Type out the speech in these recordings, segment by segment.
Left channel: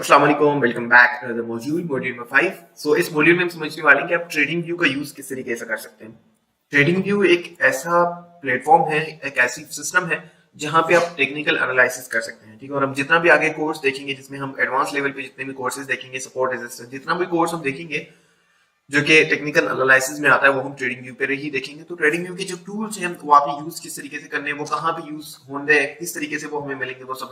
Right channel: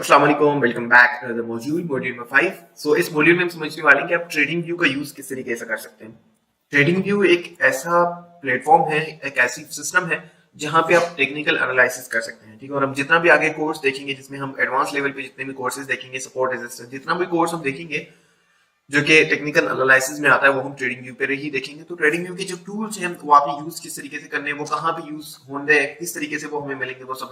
अस्सलाम वालेकुम, welcome back to the module number 5। So इस मॉड्यूल में हम समझने वाले हैं कि आप ट्रेडिंग व्यू का यूज किस तरीके से कर सकते हैं। ट्रेडिंग व्यू एक ऐसा प्लेटफॉर्म है, एक ऐसी सिस्टम है जहां पे आप टेक्निकल एनालिसिस कर सकते हैं। ठीक है, और हम जितना भी आगे कोर्स देखेंगे, जिसमें हम एडवांस लेवल पे जितने भी कोर्सेज देखेंगे, सपोर्ट रेजिस्टेंस, जितना भी कोर्स हम देखेंगे जो कि टेक्निकल एनालिसिस में आता है, वो हम ट्रेडिंग व्यू पे ही देखेंगे। तो ट्रेडिंग व्यू के जो टूल्स हैं वो आप यूज किस तरीके से करने हैं, वो कहाँ पे यूज होंगे, किस तरीके से वो हमें मिलेंगे, वो सब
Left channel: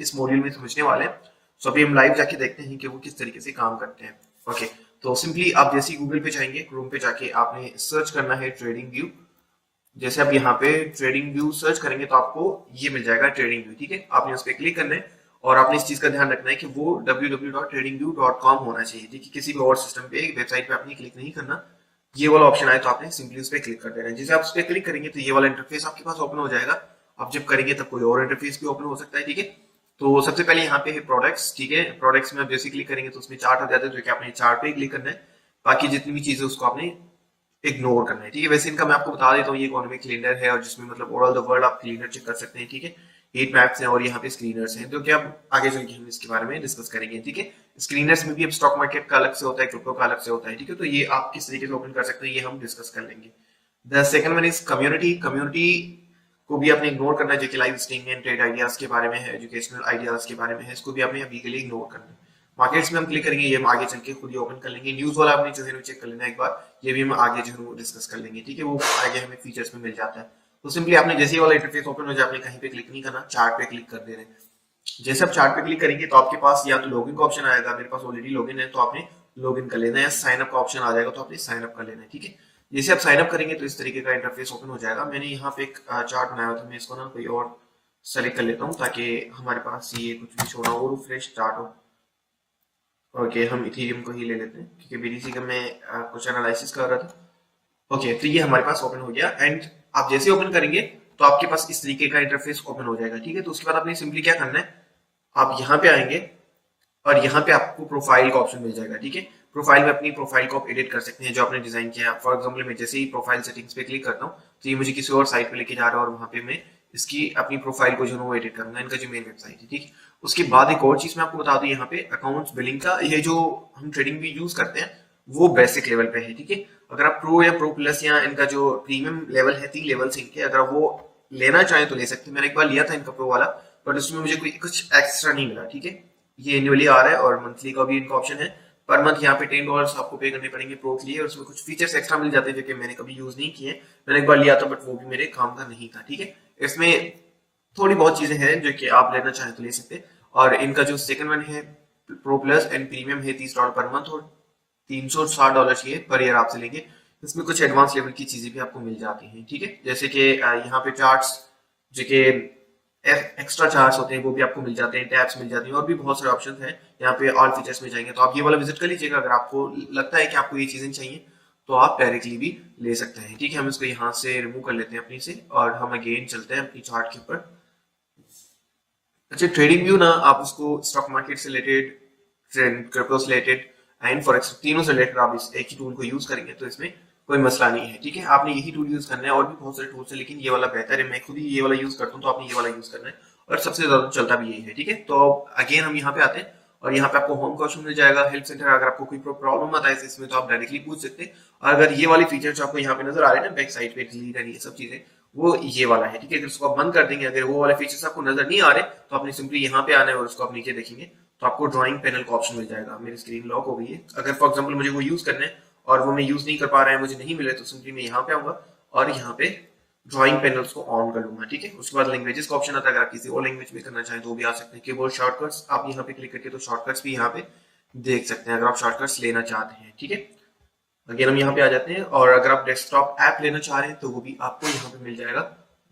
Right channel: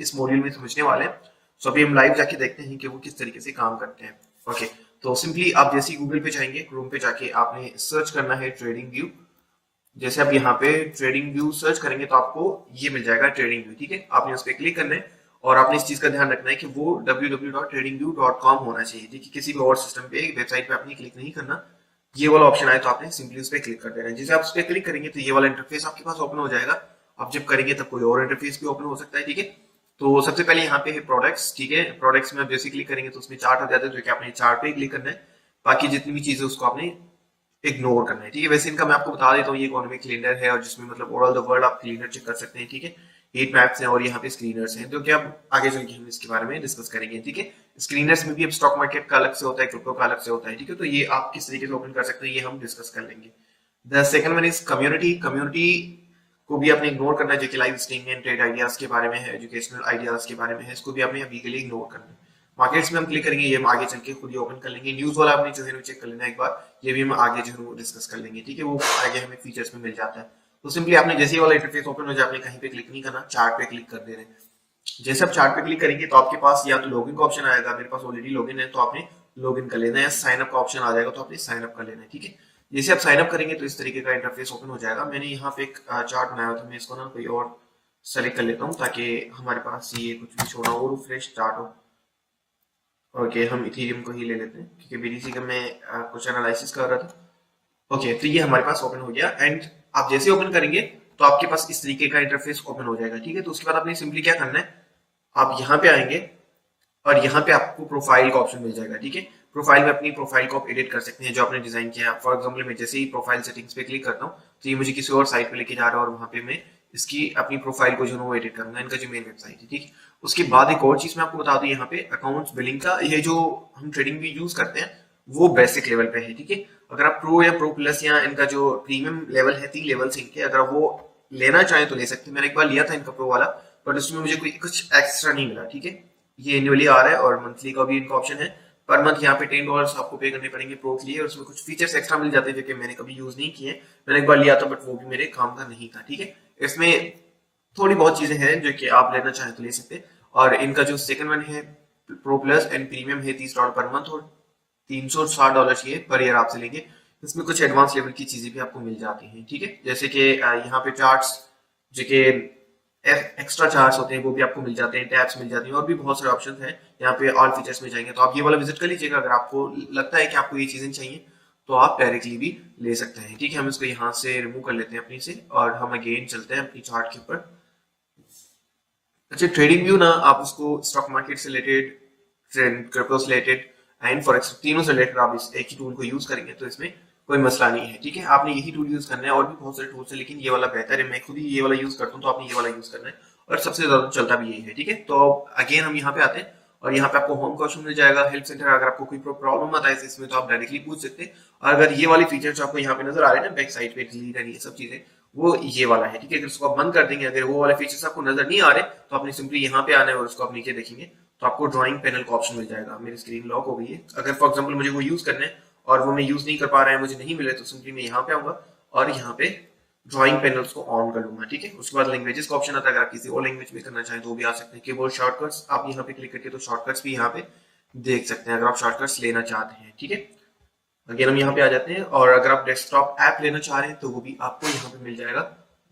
इस मॉड्यूल में समझने वाले हैं। सो अभी हम लाइव जाके देखते हैं कि वो किस तरीके से काम करते हैं। ओके, तो सिंपली आप जैसे ही गूगल पे जाएंगे, क्रोम पे जाके आपने सर्च करना है ट्रेडिंग व्यू। जैसे आप यहाँ पे ट्रेडिंग व्यू सर्च करेंगे तो आपको ये मिल जाएगा ट्रेडिंग व्यू। ठीक है, आपने उस पर क्लिक करना है और आपने इस चीज का ध्यान रखना है कि वो www.tradingview.com होना चाहिए। ठीक है, किसी भी और सिस्टम पे वेबसाइट पे आपने क्लिक नहीं करना। ये वाला ऑप्शन आए तो आपने सिंपली उस पर क्लिक कर देना है। जैसे आप उस पर क्लिक करेंगे तो ये वाला इंटरफेस आपके पास ओपन हो जाएगा। आप जब करेंगे तब कोई और इंटरफेस भी ओपन हो सकता है। ठीक है, तो सबसे पहले यहाँ पे है प्रोडक्ट्स। ठीक है, प्रोडक्ट्स में आप जैसे क्लिक करेंगे तो उसमें चार्ट हो जाता है, जो कि आपने चार्ट पे क्लिक करना है। बाकी जितनी भी चीजें उसको आपने इग्नोर करना है। ठीक है, वैसे इनका मैं आपको बता देता हूँ, ये इकोनॉमिक कैलेंडर है और जिसमें मतलब ओवरऑल द वर्ल्ड आप चेक कर सकते हैं। ठीक है, 8 मैप्स हैं और यहाँ पे स्क्रीनर्स हैं, जो कि अब आगे चल के हम इसके बारे में डिस्कस करेंगे। ठीक है, स्क्रीनर्स में भी स्टॉक मार्केट का अलग से होता है, क्रिप्टो का अलग से होता है। ठीक है, तो ये आप किस तरीके से ओपन कर सकते हैं ये हम डिस्कस कर लेंगे। The second one is community. Community को भी आपने इग्नोर करना है, जो कि live streaming and trade ideas के बारे में है, एजुकेशनल आइडियाज के बारे में है। इसको भी आपने अभी के लिए इग्नोर करना है। मार्केट्स में हम क्लिक करेंगे, ये हम आगे चल के खुद ही ओपन कर लेंगे। न्यूज वाला आपने जो है चेक कर लेना एक बार, ये भी हम आगे जो है डिस्कस कर लेंगे। ठीक है, वो आगे हमें फीचर्स में मिल जाता है। तो सिंपली आपने जैसे वाला इंटरफेस ओपन हो जाए, आपने कहीं पे क्लिक नहीं करना, चार्ट पे क्लिक कर दे रहे हैं। जैसे आप चार्ट पे क्लिक करेंगे तो आपके पास या तो लॉगिन का ऑप्शन आएगा, मेरे पास ऑलरेडी लॉगिन है तो आपने लॉगिन कर लेना है, या साइन अप का ऑप्शन आ जाएगा तो आपने साइन अप कर लेना है। ठीक है, जैसे आप साइन अप करेंगे तो इस तरीके का इंटरफेस ओपन हो जाएगा। मैंने यहाँ पे एक चार्ट बनाया था, मैं इसको ना कोई और सेलेक्ट कर लेता हूँ ताकि हमारे पास ये कुछ भी छोड़ा हो, फ्रेश स्टार्ट हो। ओके, हम इथेरियम को ही ले लेते हैं क्योंकि बीटीसी का मैं कुछ एनालिसिस कर रहा था। ओके, तो ये हमारे पास ओपन हो गया एंड आप जैसे ओपन करेंगे तो आपके पास इस तरीके का इंटरफेस ओपन हो जाएगा। ठीक है, तो उसके बाद आपने सिंपली क्या करना है, आप यहाँ पे आएंगे और यहाँ पे आपको प्रोफाइल का ऑप्शन मिल जाएगा। ठीक है, प्रोफाइल में अपनी प्रोफाइल को आप एडिट कर सकते हैं जो आपने डिजाइन किया। फॉर एग्जांपल मैं जैसे ही प्रोफाइल सेटिंग्स पे क्लिक करता हूँ तो ये मुझे किसी और साइट पे लेके जा रहा है और वहाँ पे मैं इसकी अपनी प्रोफाइल को जो है वो एडिट करूंगा, इनका जो मेन वेबसाइट है। ठीक है, उसके बाद एक और चीज मैं आपको बता दूं, यहाँ पे अकाउंट्स बिलिंग का ये जो हम ट्रेडिंग भी यूज करते हैं वो बेसिक लेवल पे है। ठीक है, अगर आप प्रो या प्रो प्लस या इनका जो प्रीमियम लेवल है, 3 लेवल से इनके, अगर वो लेना चाहें तो ले सकते हैं। मैंने एक बार लिया था इनका प्रो वाला, बट उसमें मुझे कोई कुछ एक्स्ट्रा नहीं मिला। ठीक है, ये एनुअली आ रहा है और मंथली का भी इनका ऑप्शन है। पर मंथ यहाँ पे $10 आपको पे करने पड़ेंगे प्रो के लिए, और उसमें कुछ फीचर्स एक्स्ट्रा मिल जाते हैं जो कि मैंने कभी यूज नहीं किए। मैंने एक बार लिया था बट वो भी मेरे काम का नहीं था। ठीक है, इसमें थोड़ी बहुत चीजें हैं जो कि आप लेना चाहें तो ले सकते हैं। और इनका जो सेकंड वन है प्रो प्लस एंड प्रीमियम है, $30 पर मंथ और $360 ये पर ईयर आपसे लेंगे। इसमें कुछ एडवांस लेवल की चीजें भी आपको मिल जाती हैं। ठीक है, जैसे कि यहाँ पे चार्ट्स जो कि एक्स्ट्रा चार्ज होते हैं वो भी आपको मिल जाते हैं, टैब्स मिल जाती हैं और भी बहुत सारे ऑप्शन हैं। यहाँ पे ऑल फीचर्स में जाएंगे तो आप ये वाला विजिट कर लीजिएगा। अगर आपको लगता है कि आपको ये चीजें चाहिए तो आप पहले चीज भी ले सकते हैं। ठीक है, हम इसको यहाँ से रिमूव कर लेते हैं अपनी से और हम अगेन चलते हैं अपनी चार्ट के ऊपर। अच्छा, ट्रेडिंग व्यू ना आप उसको स्टॉक मार्केट से रिलेटेड, क्रिप्टो से रिलेटेड एंड फॉरेक्स, तीनों से रिलेटेड आप इस एक ही टूल को यूज करेंगे तो इसमें कोई मसला नहीं है। ठीक है, आपने यही टूल यूज करना है, और भी बहुत सारे टूल्स हैं लेकिन ये वाला बेहतर है। मैं खुद ही ये वाला यूज करता हूँ तो आपने ये वाला यूज करना है और सबसे ज्यादा चलता भी यही है। ठीक है, तो अगेन हम यहाँ पे आते हैं और यहाँ पे आपको होम का ऑप्शन मिल जाएगा, हेल्प सेंटर। अगर आपको कोई प्रॉब्लम हो जाए इसमें तो आप डायरेक्टली पूछ सकते हैं। अगर ये वाले फीचर्स आपको यहाँ पे नजर आ रहे हैं ना, बैक साइड पे ये सब चीजें, वो ये वाला है। ठीक है, अगर उसको आप बंद कर देंगे, अगर वो वाले फीचर्स आपको नजर नहीं आ रहे तो आपने सिंपली यहाँ पे आना है और उसको आप नीचे देखेंगे तो आपको ड्राइंग पैनल का ऑप्शन मिल जाएगा। मेरी स्क्रीन लॉक हो गई है, अगर फॉर एग्जांपल मुझे वो यूज करने और वो मैं यूज नहीं कर पा रहा है, मुझे नहीं मिले, तो सिंपली मैं यहाँ पे आऊंगा और यहाँ पे ड्राइंग पैनल्स को ऑन कर लूंगा। ठीक है, उसके बाद लैंग्वेजेस का ऑप्शन आता है, अगर आप किसी और लैंग्वेज में करना चाहें तो भी आ सकते हैं। कीबोर्ड शॉर्टकट्स आप यहाँ पे क्लिक करके तो शॉर्टकट्स भी यहाँ पे देख सकते हैं अगर आप शॉर्टकट्स लेना चाहते हैं। ठीक है, अगेन हम यहाँ पे आ जाते हैं और अगर आप डेस्कटॉप ऐप लेना चाह रहे हैं तो वो भी आपको यहाँ पे मिल जाएगा,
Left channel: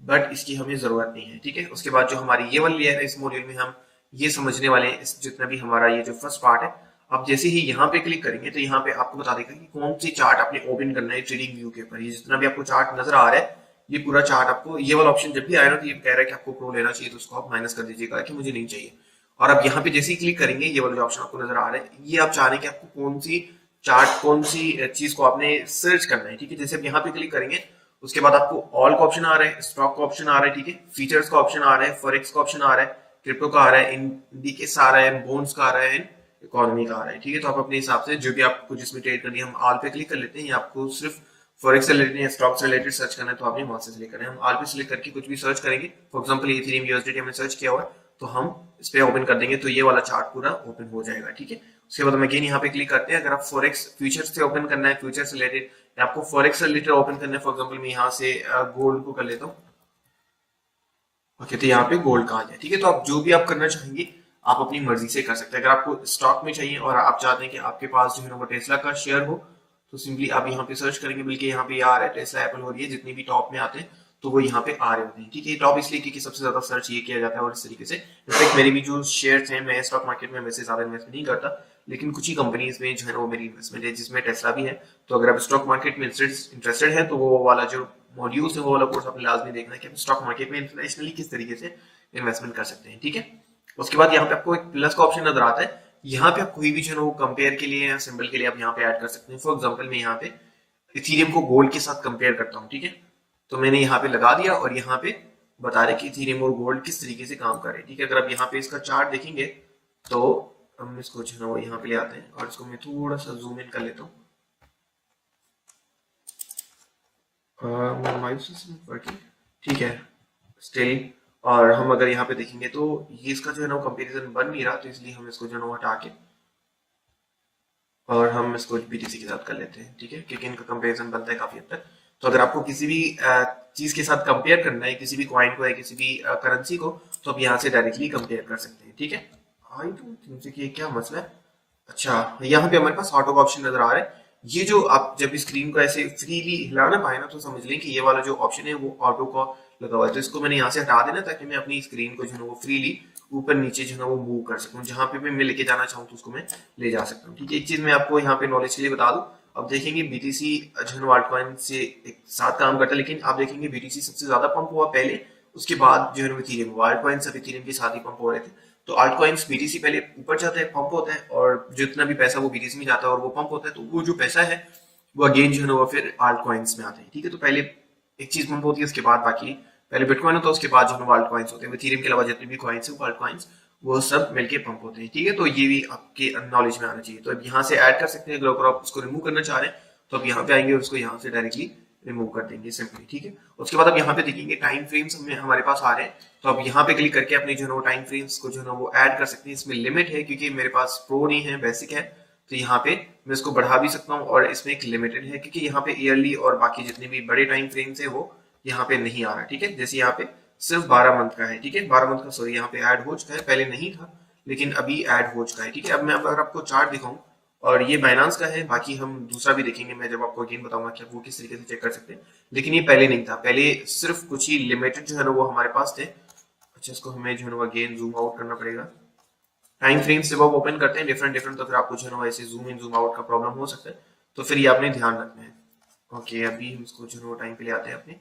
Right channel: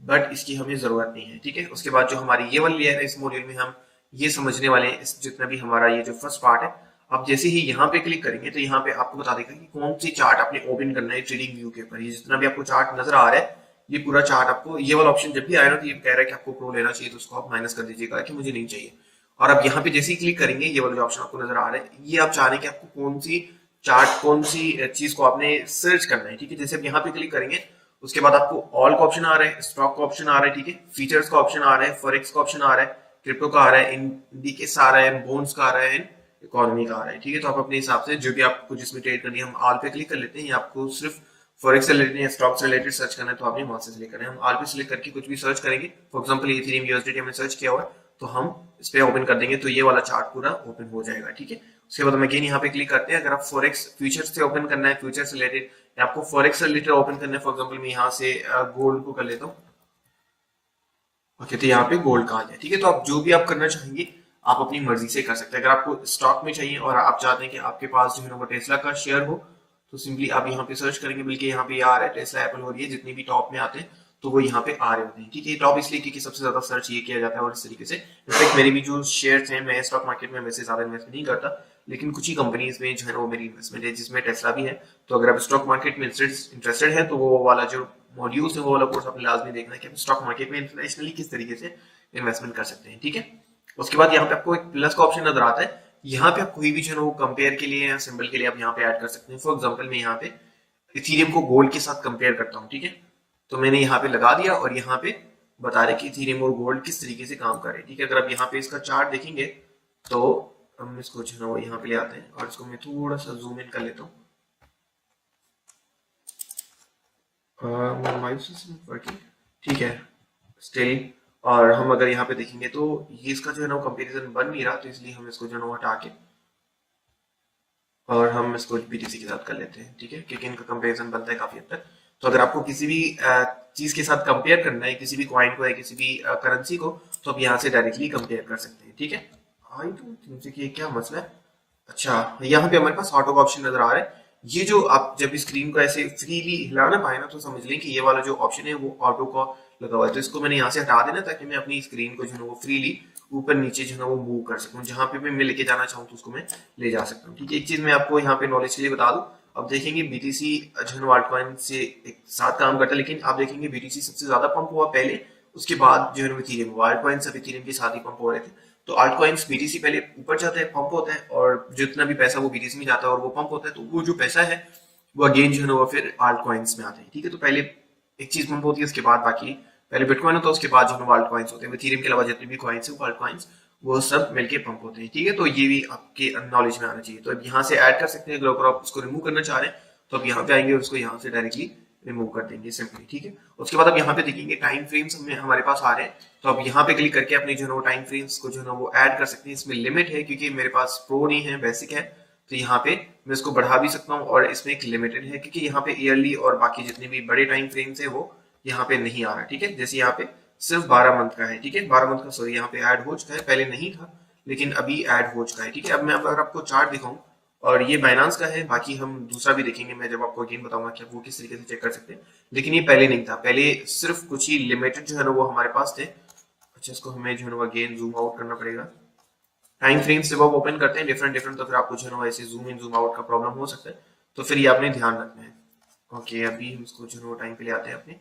बट इसकी हमें जरूरत नहीं है। ठीक है, उसके बाद जो हमारी ये वाली लेयर है, इस मॉड्यूल में हम ये समझने वाले हैं, जितना भी हमारा ये जो फर्स्ट पार्ट है, आप जैसे ही यहाँ पे क्लिक करेंगे तो यहाँ पे आपको बता देगा कि कौन सी चार्ट आपने ओपन करना है ट्रेडिंग व्यू के ऊपर। ये जितना भी आपको चार्ट नजर आ रहा है, ये पूरा चार्ट आपको, ये वाला ऑप्शन जब भी आएगा तो ये कह रहा है कि आपको प्रो लेना चाहिए, तो उसको आप माइनस कर दीजिएगा कि मुझे नहीं चाहिए। और आप यहाँ पे जैसे ही क्लिक करेंगे, ये वाला ऑप्शन आपको नजर आ रहा है, ये आप चाह रहे हैं कि आपको कौन सी चार्ट, कौन सी चीज को आपने सर्च करना है। ठीक है, जैसे यहाँ पे क्लिक करेंगे उसके बाद आपको ऑल का ऑप्शन आ रहा है, स्टॉक का ऑप्शन आ रहा है, ठीक है, फीचर्स का ऑप्शन आ रहा है, फॉरेक्स का ऑप्शन आ रहा है, क्रिप्टो का आ रहा है, ईक्विटीज आ रहा है, बॉन्ड्स का आ रहा है, इकोनॉमी का आ रहा है, ठीक है। तो आप अपने हिसाब से जो भी आपको जिसमें ट्रेड करनी है, हम ऑल पे क्लिक कर लेते हैं, या आपको सिर्फ फॉरेक्स से रिलेटेड या स्टॉक से रिलेटेड सर्च करना है तो आपने वहां से सिलेक्ट करना है। हम ऑल पे सिलेक्ट करके कुछ भी सर्च करेंगे, फॉर एग्जांपल इथेरियम यूएसडीटी हमने सर्च किया हुआ है, तो हम इस पे ओपन कर देंगे तो ये वाला चार्ट पूरा ओपन हो जाएगा, ठीक है। उसके बाद हम अगेन यहाँ पे क्लिक करते हैं। अगर आप फॉरेक्स फ्यूचर्स से ओपन करना है, फ्यूचर से रिलेटेड, या आपको फॉरेक्स से रिलेटेड ओपन करना है, फॉर एग्जांपल मैं यहाँ से गोल्ड को कर लेता हूँ। ओके, तो यहाँ पे गोल्ड का आ जाए, ठीक है। तो आप जो भी आप करना चाहेंगे आप अपनी मर्जी से कर सकते हैं। अगर आपको स्टॉक में चाहिए और आप चाहते हैं कि आपके पास जो है वो टेस्ला का शेयर हो, तो सिंपली आप यहाँ पे सर्च करेंगे, बल्कि यहाँ पे आ रहा है टेस्ला, एप्पल हो रही है, जितने भी टॉप में आते हैं तो वो यहाँ पे आ रहे होते हैं, ठीक है। टॉप इसलिए क्योंकि सबसे ज्यादा सर्च ये किया जाता है, और इस तरीके से इनफैक्ट मेरी भी जो शेयर हैं, मैं स्टॉक मार्केट में वैसे ज्यादा इन्वेस्ट नहीं करता, लेकिन कुछ ही कंपनीज में जो है वो मेरी इन्वेस्टमेंट है, जिसमें टेस्ला भी है। तो अगर आप स्टॉक मार्केट में इंटरेस्टेड है तो वो वाला जो मॉड्यूल्स है वो वाला कोर्स आपने लाजमी देखना है कि स्टॉक मार्केट में इंटरनेशनली किस तरीके से इन्वेस्टमेंट कर सकते हैं, ठीक है। उसके बाद यहाँ पे आपको एक प्लस का ऑप्शन नजर आता है। यहाँ पे आप कोई भी जो कंपेयर के लिए या सिंबल के लिए आप यहाँ पे ऐड कर सकते हैं। फॉर एग्जांपल मैं यहाँ पे इथेरियम को गोल्ड के साथ कंपेयर करता हूँ, ठीक है। तो मैंने यहाँ पे लगा दिया और यहाँ पे बता रहे कि इथेरियम और गोल्ड किस तरीके से काम कर रहे हैं, ठीक है। अगर आप यहाँ पे इसका चार्ट देखेंगे तो हम इसको जो है वो यहाँ पे ले आते हैं, और इसको मैं थोड़ा सा जूम इन कर लेता हूँ। ठीक है, स्टिल। और हम अगर यहाँ पे देखेंगे तो ये इसका जो है ना कंपैरिजन बन नहीं रहा, तो इसलिए हम इसको जो है ना हटा के और हम इसको बीटीसी के साथ कर लेते हैं, ठीक है, क्योंकि इनका कंपैरिजन बनता है काफी हद तक। तो अगर आपको किसी भी चीज के साथ कंपेयर करना है, किसी भी कॉइन को या किसी भी करेंसी को, तो आप यहाँ से डायरेक्टली कंपेयर कर सकते हैं, ठीक है। आई डोंट थिंक कि क्या मसला है। अच्छा, यहाँ पे हमारे पास ऑटो का ऑप्शन नजर आ रहा है। ये जो आप जब स्क्रीन को ऐसे फ्रीली हिला ना पाए ना, तो समझ लें कि ये वाला जो ऑप्शन है वो ऑटो का लगा हुआ है। तो इसको मैंने यहाँ से हटा देना, ताकि मैं अपनी स्क्रीन को जो है वो फ्रीली ऊपर नीचे जो है वो मूव कर सकूँ, जहाँ पे भी मैं लेके जाना चाहूँ तो उसको मैं ले जा सकता हूँ, ठीक है। एक चीज मैं आपको यहाँ पे नॉलेज के लिए बता दूँ, आप देखेंगे बीटीसी जो है अल्टकॉइन से साथ काम करता है, लेकिन आप देखेंगे बीटीसी सबसे ज्यादा पंप हुआ पहले, उसके बाद जो है इथेरियम हुआ। अल्टकॉइन सब इथेरियम के साथ ही पंप हो रहे थे। तो आल्ट कॉइन्स बीटीसी पहले ऊपर जाता है, पंप होता है, और जितना भी पैसा वो बीटीसी में जाता है और वो पंप होता है, तो वो जो पैसा है वो अगेन जो है ना वो फिर आल्ट कॉइन्स में आता है, ठीक है। तो पहले एक चीज पंप होती है, उसके बाद बाकी पहले बिटकॉइन होता है, उसके बाद जो है आल्ट कॉइन्स होते हैं। इथेरियम के अलावा जितने भी कॉइन्स है वो आल्ट कॉइन्स वो सब मिलके पंप होते हैं, ठीक है। तो ये भी आपके नॉलेज में आना चाहिए। तो यहाँ से ऐड कर सकते हैं, अगर आप उसको रिमूव करना चाह रहे हैं तो आप यहाँ पे आएंगे और उसको यहाँ से डायरेक्टली रिमूव कर देंगे, ठीक है। उसके बाद आप यहाँ पे देखेंगे टाइम फ्रेम्स हमारे पास आ रहे हैं, तो आप यहाँ पे क्लिक करके अपने जो है टाइम फ्रेम्स को जो है वो ऐड कर सकते हैं। इसमें लिमिट है, क्योंकि मेरे पास प्रो नहीं है, बेसिक है, तो यहाँ पे मैं इसको बढ़ा भी सकता हूँ, और इसमें एक लिमिटेड है, क्योंकि यहाँ पे ईयरली और बाकी जितने भी बड़े टाइम फ्रेम्स है वो यहाँ पे नहीं आ रहा, ठीक है। जैसे यहाँ पे सिर्फ 12 मंथ का है, ठीक है, 12 मंथ का, सॉरी, यहाँ पे ऐड हो चुका है, पहले नहीं था लेकिन अभी ऐड हो चुका है, ठीक है। अब मैं अगर आपको चार्ट दिखाऊं, और ये बाइनांस का है, बाकी हम दूसरा भी देखेंगे, मैं जब आपको अगेन बताऊंगा कि वो किस तरीके से चेक कर सकते हैं, लेकिन ये पहले नहीं था, पहले सिर्फ कुछ ही लिमिटेड जो है ना वो हमारे पास थे। अच्छा, इसको हमें जो है ना अगेन जूम आउट करना पड़ेगा। टाइम फ्रेम जब आप ओपन करते हैं डिफरेंट डिफरेंट, तो फिर आपको जो है ना ऐसे जूम इन जूम आउट का प्रॉब्लम हो सकता है, तो फिर ये आपने ध्यान रखना है। ओके, अभी हम इसको जो है टाइम पे ले आते हैं अपने।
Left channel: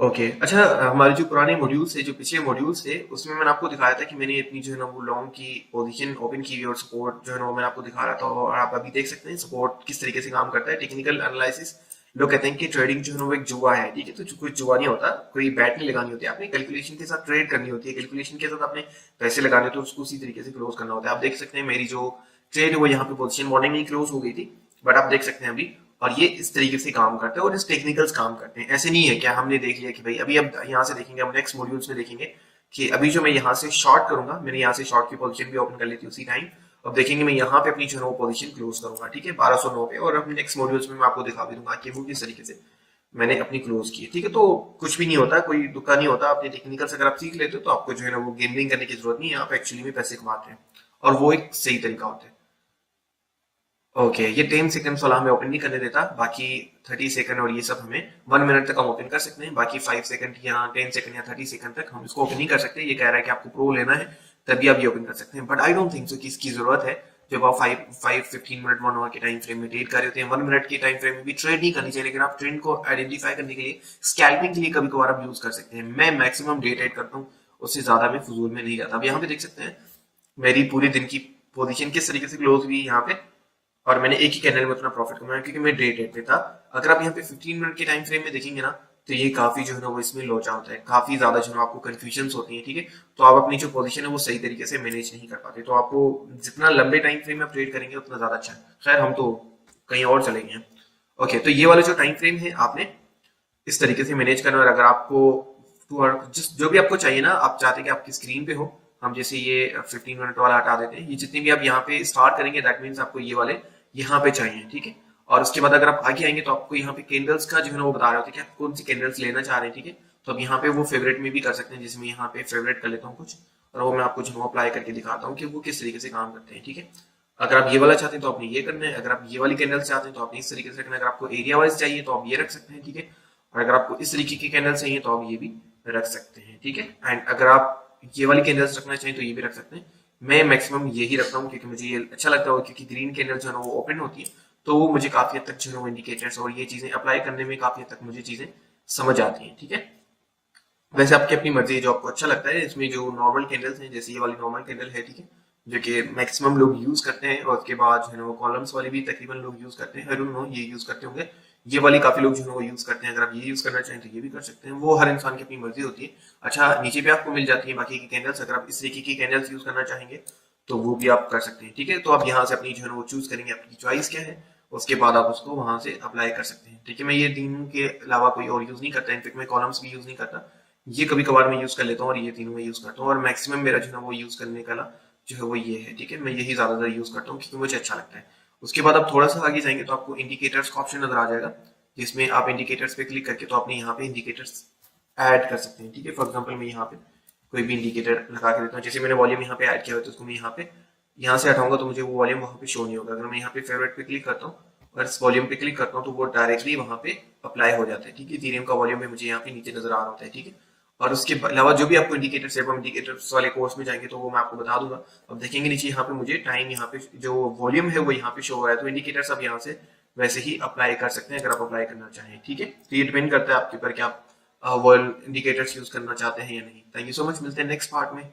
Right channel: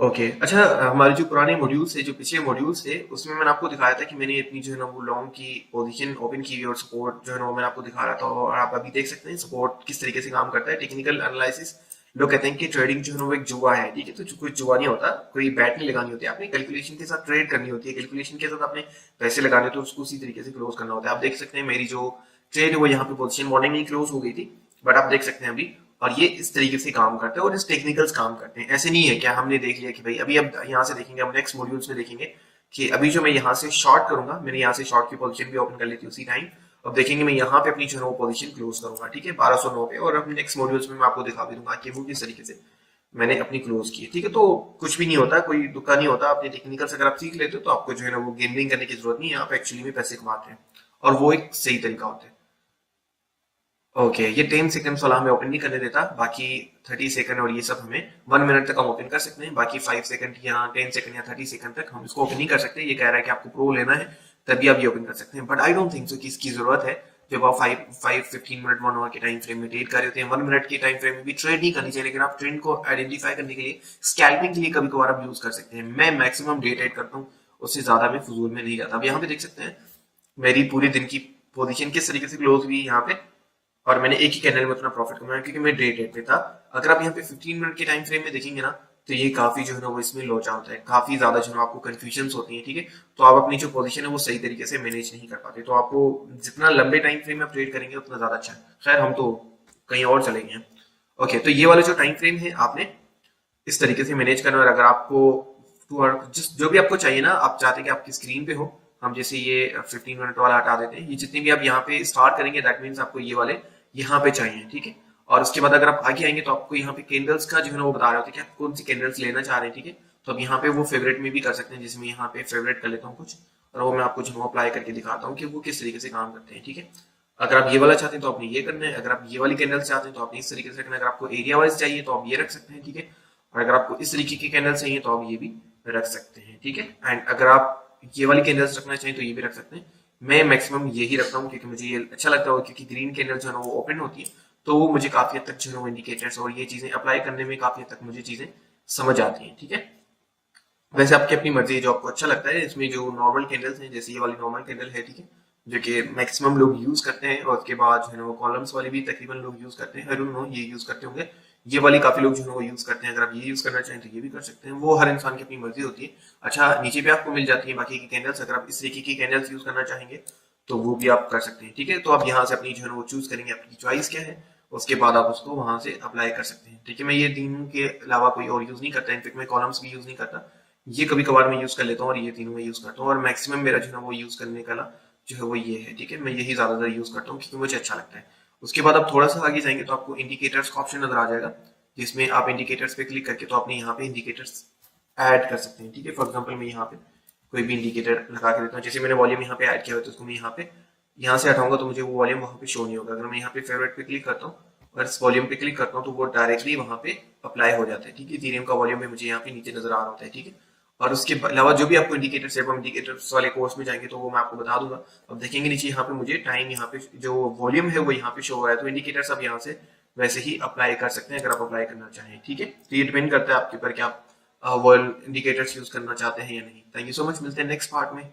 ओके, अच्छा, हमारे जो पुराने मॉड्यूल्स थे, जो पिछले मॉड्यूल्स थे, उसमें मैंने आपको दिखाया था कि मैंने अपनी जो है की पोजीशन ओपन की और सपोर्ट जो है वो मैंने आपको दिखा रहा था, और आप अभी देख सकते हैं सपोर्ट किस तरीके से काम करता है। टेक्निकल एनालिसिस, लोग कहते हैं कि ट्रेडिंग जो है वो एक जुआ है, ठीक है। तो कुछ जुआ नहीं होता, कोई बैट नहीं लगानी होती, आपने कैलकुलेशन के साथ ट्रेड करनी होती है, कैलकुलेशन के साथ आपने पैसे लगाने होते हैं, उसको उसी तरीके से क्लोज करना होता है। आप देख सकते हैं मेरी जो ट्रेड है वो यहाँ पे पोजीशन मॉर्निंग में क्लोज हो गई थी, बट आप देख सकते हैं अभी, और ये इस तरीके से काम करते हैं, और इस टेक्निकल्स काम करते हैं। ऐसे नहीं है क्या हमने देख लिया कि भाई अभी, अब यहाँ से देखेंगे, हम नेक्स्ट मॉड्यूल्स में देखेंगे कि अभी जो मैं यहाँ से शॉर्ट करूंगा, मैंने यहाँ से शॉर्ट की पोजीशन भी ओपन कर ली थी उसी टाइम। अब देखेंगे मैं यहाँ पे अपनी जो है पोजीशन क्लोज करूंगा, ठीक है, 1209 पे, और अब नेक्स्ट मॉड्यूल्स में मैं आपको दिखा भी दूंगा कि वो किस तरीके से मैंने अपनी क्लोज की है, ठीक है। तो कुछ भी नहीं होता, कोई दुखा नहीं होता, अपने टेक्निकल से अगर आप सीख लेते हो तो आपको जो है वो गेमिंग करने की जरूरत नहीं है, आप एक्चुअली में पैसे कमाते हैं, और वो एक सही तरीका होता है। ओके, ये 10 सेकंड वाला हमें ओपन नहीं करने देता, बाकी 30 सेकंड और ये सब हमें 1 मिनट तक हम ओपन कर सकते हैं, बाकी 5 सेकंड या 10 सेकंड या 30 सेकंड तक हम इसको ओपन नहीं कर सकते। ये कह रहा है कि आपको प्रो लेना है तभी आप ये ओपन कर सकते हैं, but I don't think so कि इसकी जरूरत है। जब आप 15 मिनट 1 आवर के टाइम फ्रेम में ट्रेड कर रहे होते हैं, 1 मिनट के टाइम फ्रेम में भी ट्रेड नहीं करनी चाहिए, लेकिन आप ट्रेंड को आइडेंटिफाई करने के लिए, स्कैल्पिंग के लिए कभी कभार आप यूज कर सकते हैं। मैं मैक्सिमम डे ट्रेड करता हूँ, उससे ज्यादा मैं फजूल में नहीं जाता। अब यहाँ पे देख सकते हैं मेरी पूरी दिन की पोजीशन किस तरीके से क्लोज हुई यहाँ पे, और मैंने एक ही कैंडल में उतना प्रॉफिट कमाया, क्योंकि मैं डे ट्रेड पे था। अगर आप यहाँ पे 15 मिनट के टाइम फ्रेम में देखेंगे ना, तो ये काफी जो है ना वो इसमें लोचा होता है, काफी ज्यादा जो है ना आपको कंफ्यूजन होती है, ठीक है। तो आप अपनी जो पोजीशन है वो सही तरीके से मैनेज नहीं कर पाते, तो आपको जितना लंबे टाइम फ्रेम में ट्रेड करेंगे उतना ज्यादा अच्छा है। खैर हम तो कहीं और चलेंगे। ओके, तो ये वाला जो टाइम फ्रेम है आपने इस तरीके से मैनेज करनी है। अगर आपको और जो भी आपको चाहिए ना, आप चाहते हैं कि आपकी स्क्रीन पे हो, हम जैसे ये 15 मिनट वाला हटा देते हैं, ये जितने भी आप यहाँ पे स्टार्ट करेंगे दैट मीन्स आपको ये वाले यहाँ पे चाहिए, ठीक है। और उसके बाद अगर आप आगे आएंगे तो आपको यहाँ पे कैंडल्स का जो है ना वो बता रहा होता है कि आप कौन सी कैंडल्स लेना चाह रहे हैं, ठीक है। तो अब यहाँ पे वो फेवरेट में भी कर सकते हैं, जिसमें यहाँ पे फेवरेट कर लेता हूँ कुछ, और वो मैं आपको जो अप्लाई करके दिखाता हूँ कि वो किस तरीके से काम करते हैं, ठीक है। अगर आप ये वाला चाहते हैं तो आपने ये करना है, अगर आप ये वाली कैंडल्स चाहते हैं तो आपने इस तरीके से करना है, अगर आपको एरिया वाइज चाहिए तो आप ये रख सकते हैं, ठीक है। और अगर आपको इस तरीके की कैंडल चाहिए तो आप ये भी रख सकते हैं, ठीक है। एंड अगर आप ये वाली कैंडल्स रखना चाहिए तो ये भी रख सकते हैं। मैं मैक्सिमम यही रखता हूँ क्योंकि मुझे ये अच्छा लगता है, क्योंकि ग्रीन कैंडल जो है ना वो ओपन होती है, तो वो मुझे काफी हद तक जो है वो इंडिकेटर्स और ये चीजें अप्लाई करने में काफी हद तक मुझे चीजें समझ आती हैं, ठीक है। वैसे आपकी अपनी मर्जी है, जो आपको अच्छा लगता है। इसमें जो नॉर्मल कैंडल्स हैं, जैसे ये वाली नॉर्मल कैंडल है, ठीक है, जो कि मैक्सिमम लोग यूज करते हैं, और उसके बाद जो है वो कॉलम्स वाली भी तकरीबन लोग यूज करते हैं, आई डोंट नो ये यूज करते होंगे, ये वाली काफी लोग जो है वो यूज करते हैं। अगर आप ये यूज करना चाहें तो ये भी कर सकते हैं, वो हर इंसान की अपनी मर्जी होती है। अच्छा, नीचे पे आपको मिल जाती है बाकी की कैंडल्स, अगर आप इस तरीके की कैंडल्स यूज करना चाहेंगे तो वो भी आप कर सकते हैं, ठीक है। तो आप यहाँ से अपनी जो है वो चूज करेंगे, आपकी चॉइस क्या है, उसके बाद आप उसको वहां से अप्लाई कर सकते हैं, ठीक है। मैं ये तीनों के अलावा कोई और यूज नहीं करता, इनफेक्ट मैं कॉलम्स भी यूज नहीं करता, ये कभी कभार मैं यूज कर लेता हूँ, और ये तीनों मैं यूज करता हूँ, और मैक्सिमम मेरा जो है वो यूज करने का जो है वो ये है, ठीक है। मैं यही ज्यादातर यूज करता हूँ क्योंकि मुझे अच्छा लगता है। उसके बाद आप थोड़ा सा आगे जाएंगे तो आपको इंडिकेटर्स का ऑप्शन नजर आ जाएगा, जिसमें आप इंडिकेटर्स पे क्लिक करके तो अपने यहाँ पे इंडिकेटर्स ऐड कर सकते हैं, ठीक है। फॉर एग्जाम्पल मैं यहाँ पे कोई भी इंडिकेटर लगा के देता हूँ, जैसे मैंने वॉल्यूम यहाँ पे ऐड किया हुआ है, तो उसको मैं यहाँ से हटाऊंगा तो मुझे वो वॉल्यूम वहाँ पे शो नहीं होगा। अगर मैं यहाँ पे फेवरेट पे क्लिक करता हूँ और इस वॉल्यूम पे क्लिक करता हूँ तो वो डायरेक्टली वहाँ पे अप्लाई हो जाता है, ठीक है। इथेरियम का वॉल्यूम भी मुझे यहाँ पे नीचे नजर आ रहा होता है, ठीक है। और उसके अलावा जो भी आपको इंडिकेटर्स है, इंडिकेटर्स वाले कोर्स में जाएंगे तो वो मैं आपको बता दूंगा। अब देखेंगे नीचे यहाँ पे मुझे टाइम, यहाँ पे जो वॉल्यूम है वो यहाँ पे शो हो रहा है, तो इंडिकेटर्स अब यहाँ से वैसे ही अप्लाई कर सकते हैं अगर आप अप्लाई करना चाहें, ठीक है। तो ये डिपेंड करता है आपके ऊपर कि आप वर्ल्ड इंडिकेटर्स यूज करना चाहते हैं या नहीं। थैंक यू सो मच, मिलते हैं नेक्स्ट पार्ट में।